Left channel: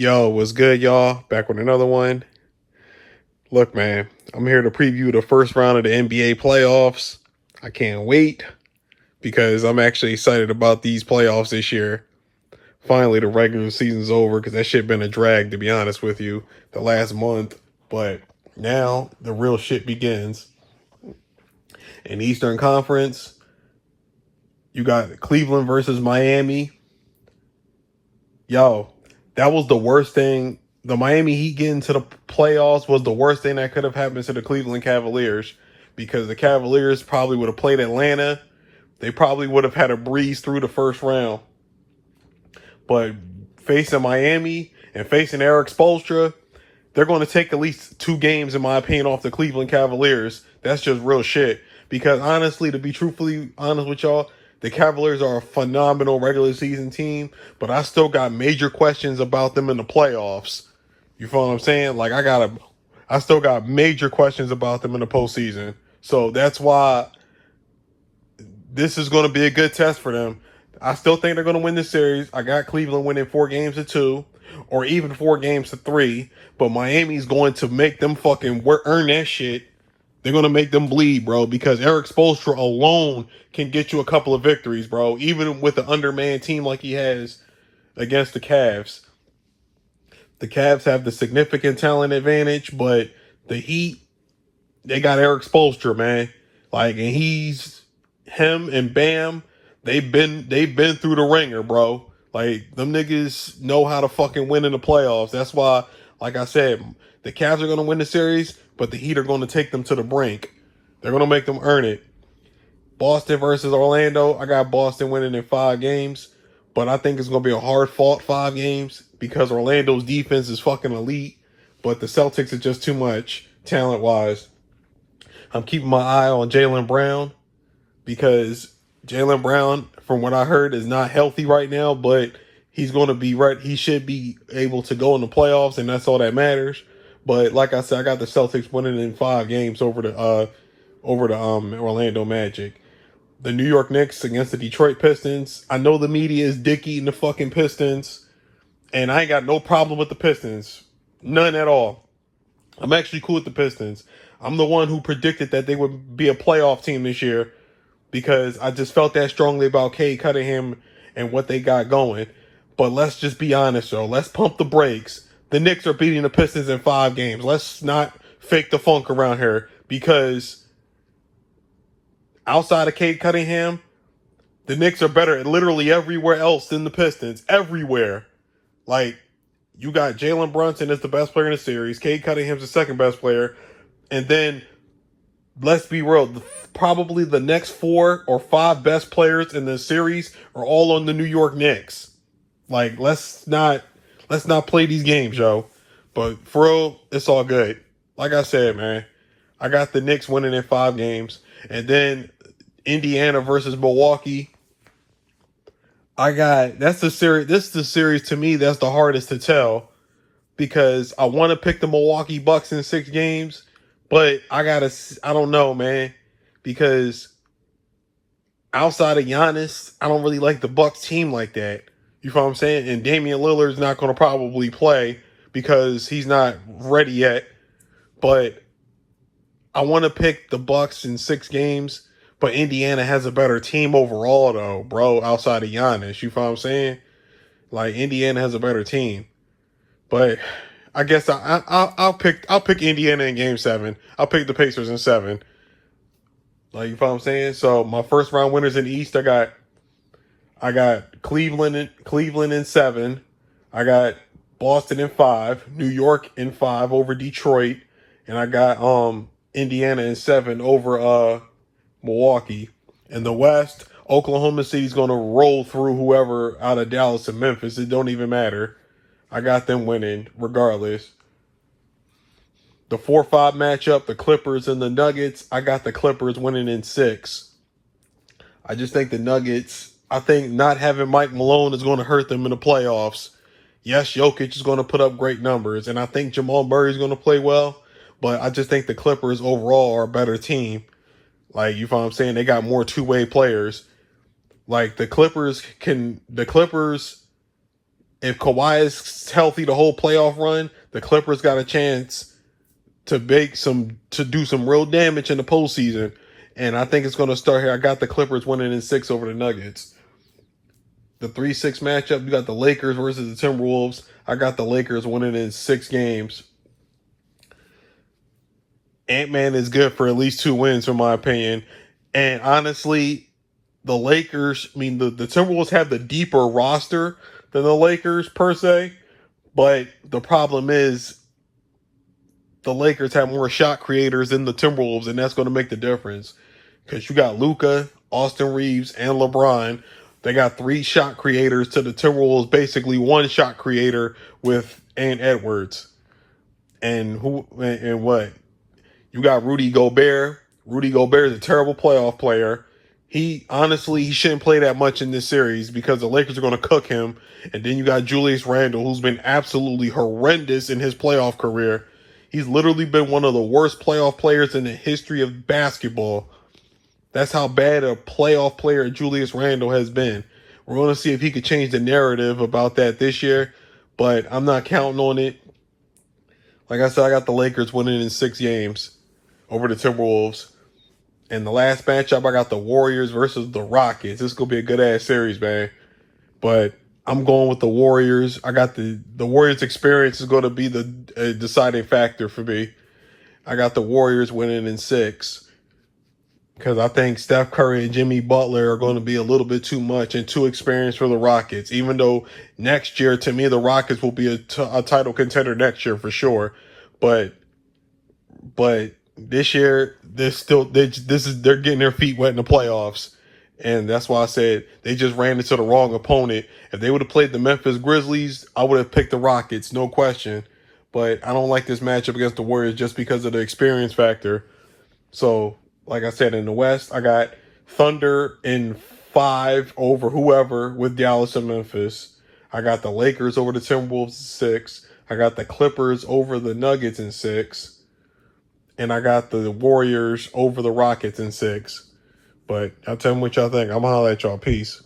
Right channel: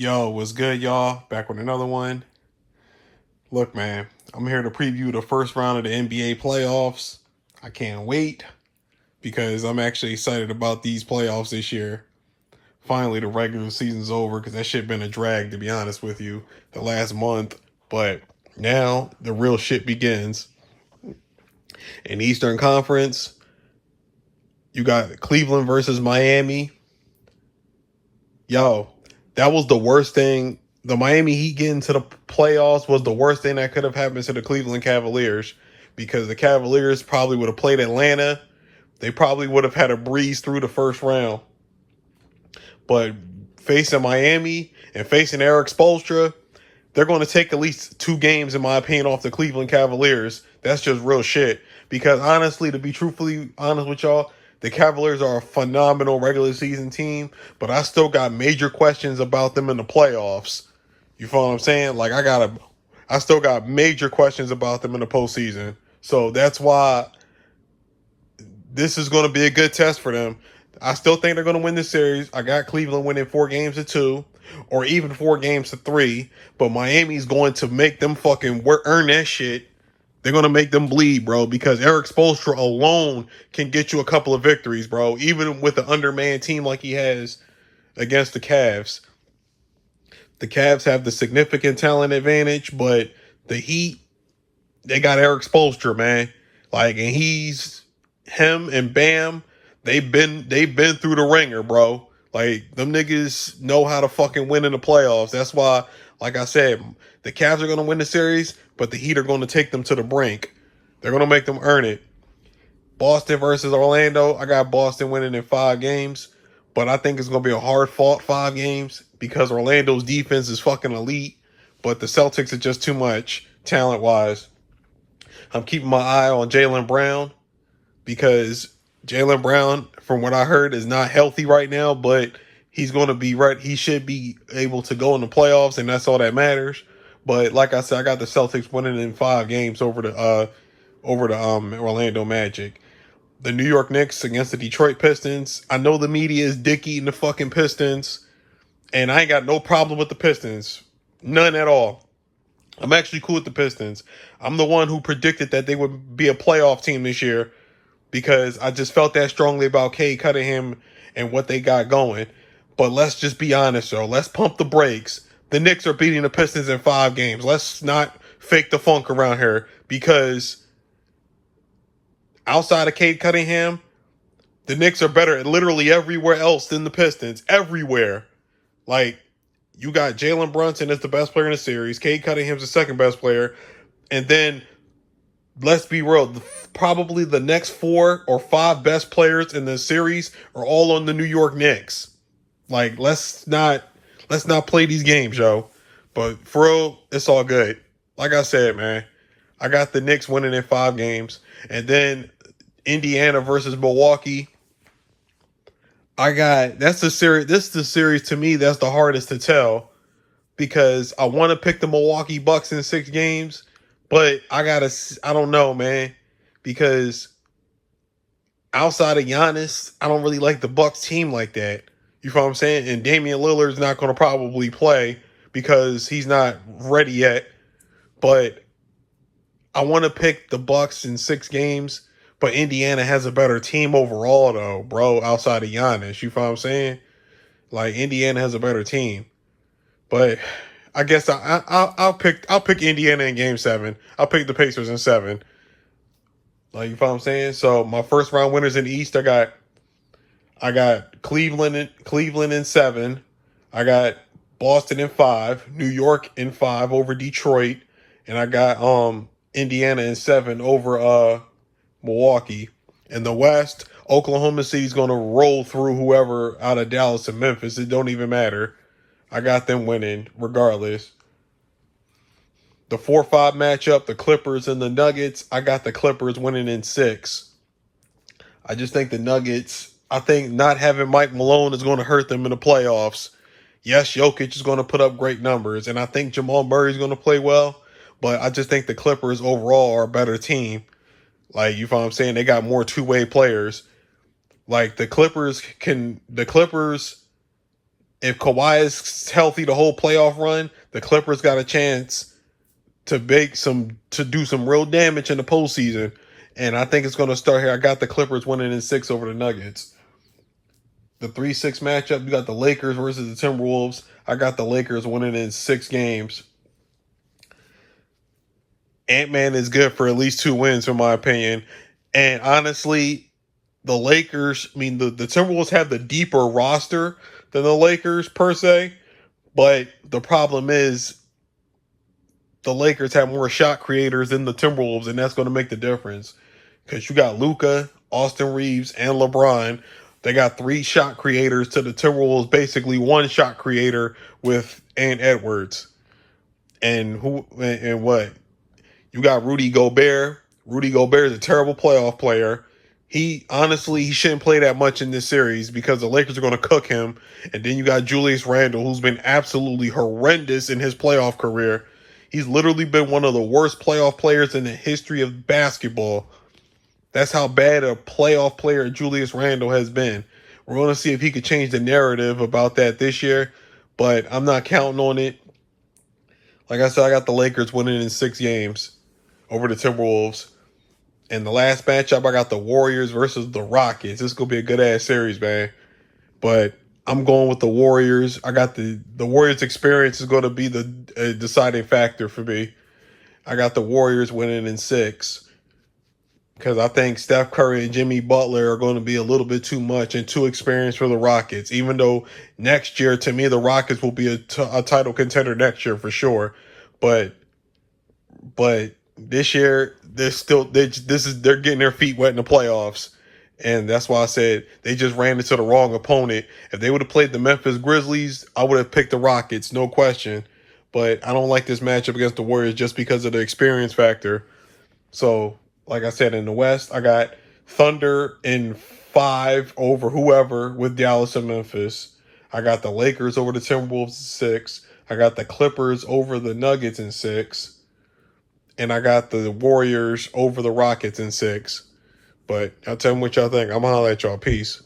Yo, what's good, y'all? Back with another one. Look, man, I'm here to preview the first round of the NBA playoffs. I can't wait because I'm actually excited about these playoffs this year. Finally, the regular season's over because that shit been a drag, to be honest with you, the last month. But now the real shit begins. In the Eastern Conference, you got Cleveland versus Miami. Yo, that was the worst thing. The Miami Heat getting to the playoffs was the worst thing that could have happened to the Cleveland Cavaliers because the Cavaliers probably would have played Atlanta. They probably would have had a breeze through the first round. But facing Miami and facing Eric Spoelstra, they're going to take at least 2 games, in my opinion, off the Cleveland Cavaliers. That's just real shit. Because honestly, to be truthfully honest with y'all, the Cavaliers are a phenomenal regular season team, but I still got major questions about them in the playoffs. You feel what I'm saying? Like I still got major questions about them in the postseason. So that's why this is going to be a good test for them. I still think they're going to win this series. I got Cleveland winning 4 games to 2, or even 4 games to 3. But Miami's going to make them fucking earn that shit. They're going to make them bleed, bro, because Eric Spoelstra alone can get you a couple of victories, bro, even with an undermanned team like he has against the Cavs. The Cavs have the significant talent advantage, but the Heat, they got Eric Spoelstra, man. And him and Bam, they've been through the ringer, bro. Like, them niggas know how to fucking win in the playoffs. That's why, like I said, the Cavs are going to win the series, but the Heat are going to take them to the brink. They're going to make them earn it. Boston versus Orlando, I got Boston winning in 5 games, but I think it's going to be a hard-fought 5 games because Orlando's defense is fucking elite, but the Celtics are just too much talent-wise. I'm keeping my eye on Jaylen Brown because Jaylen Brown, from what I heard, is not healthy right now, but he's going to be right. He should be able to go in the playoffs, and that's all that matters. But like I said, I got the Celtics winning in 5 games over the Orlando Magic. The New York Knicks against the Detroit Pistons. I know the media is dick eating the fucking Pistons, and I ain't got no problem with the Pistons. None at all. I'm actually cool with the Pistons. I'm the one who predicted that they would be a playoff team this year because I just felt that strongly about Cade Cunningham and what they got going. But let's just be honest, though. Let's pump the brakes. The Knicks are beating the Pistons in 5 games. Let's not fake the funk around here because outside of Cade Cunningham, the Knicks are better at literally everywhere else than the Pistons. Everywhere. Like, you got Jalen Brunson as the best player in the series. Cade Cunningham's the second best player. And then, let's be real, probably the next 4 or 5 best players in the series are all on the New York Knicks. Like, let's not play these games, yo. But for real, it's all good. Like I said, man, I got the Knicks winning in 5 games. And then Indiana versus Milwaukee. That's the series. This is the series to me that's the hardest to tell because I want to pick the Milwaukee Bucks in 6 games, but I don't know, man, because outside of Giannis, I don't really like the Bucks team like that. You feel what I'm saying? And Damian Lillard's not going to probably play because he's not ready yet, but I want to pick the Bucks in 6 games. But Indiana has a better team overall, though, bro, outside of Giannis. You feel what I'm saying? Like, Indiana has a better team. But I guess I'll pick Indiana in Game 7. I'll pick the Pacers in 7. Like, you feel what I'm saying? So, my first round winners in the East, I got Cleveland in 7. I got Boston in 5. New York in 5 over Detroit. And I got Indiana in 7 over Milwaukee. In the West, Oklahoma City's going to roll through whoever out of Dallas and Memphis. It don't even matter. I got them winning regardless. The 4-5 matchup, the Clippers and the Nuggets, I got the Clippers winning in 6. I just think the Nuggets, I think not having Mike Malone is going to hurt them in the playoffs. Yes, Jokic is going to put up great numbers, and I think Jamal Murray is going to play well, but I just think the Clippers overall are a better team. Like, you know what I'm saying? They got more two-way players. Like, the Clippers If Kawhi is healthy the whole playoff run, the Clippers got a chance to do some real damage in the postseason. And I think it's going to start here. I got the Clippers winning in 6 over the Nuggets. The 3-6 matchup, you got the Lakers versus the Timberwolves. I got the Lakers winning in 6 games. Ant-Man is good for at least 2 wins, in my opinion. And honestly, the Lakers, I mean, the Timberwolves have the deeper roster than the Lakers, per se. But the problem is the Lakers have more shot creators than the Timberwolves, and that's going to make the difference. Because you got Luka, Austin Reeves, and LeBron. They got 3 shot creators to the Timberwolves, basically 1 shot creator with Ant Edwards. And what? You got Rudy Gobert. Rudy Gobert is a terrible playoff player. He shouldn't play that much in this series because the Lakers are going to cook him. And then you got Julius Randle, who's been absolutely horrendous in his playoff career. He's literally been one of the worst playoff players in the history of basketball. That's how bad a playoff player Julius Randle has been. We're going to see if he could change the narrative about that this year, but I'm not counting on it. Like I said, I got the Lakers winning in 6 games over the Timberwolves. And the last matchup, I got the Warriors versus the Rockets. This is going to be a good-ass series, man. But I'm going with the Warriors. I got the Warriors experience is going to be the deciding factor for me. I got the Warriors winning in 6 because I think Steph Curry and Jimmy Butler are going to be a little bit too much and too experienced for the Rockets, even though next year, to me, the Rockets will be a title contender next year for sure. But this year, they're getting their feet wet in the playoffs. And that's why I said they just ran into the wrong opponent. If they would have played the Memphis Grizzlies, I would have picked the Rockets, no question. But I don't like this matchup against the Warriors just because of the experience factor. So, like I said, in the West, I got Thunder in 5 over whoever with Dallas and Memphis. I got the Lakers over the Timberwolves in 6. I got the Clippers over the Nuggets in 6. And I got the Warriors over the Rockets in 6. But I'll tell you what y'all think. I'm going to holler at y'all. Peace.